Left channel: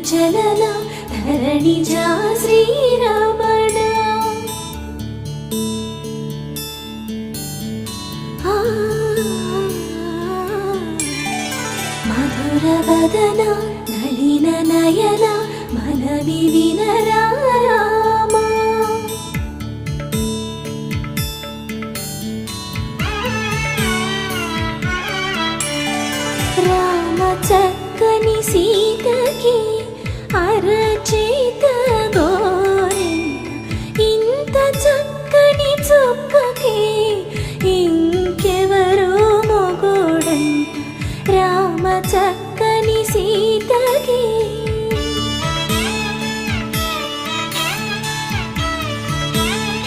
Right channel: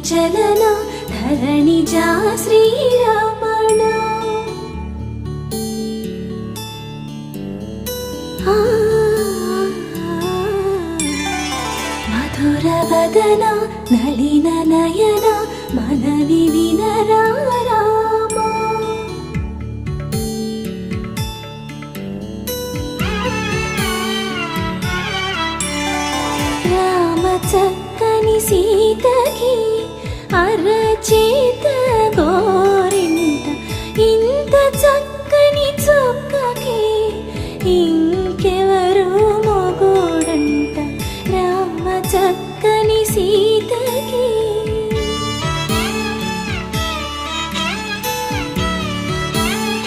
చలన ధరణిజా శ్రీరమణ మధుర వదన నళిన నయన మనవి వినరా రామా రామ చక్కని సీతకి అరచేత గోరింట ఇంత చక్కని చుక్కకి ఇంకెవరు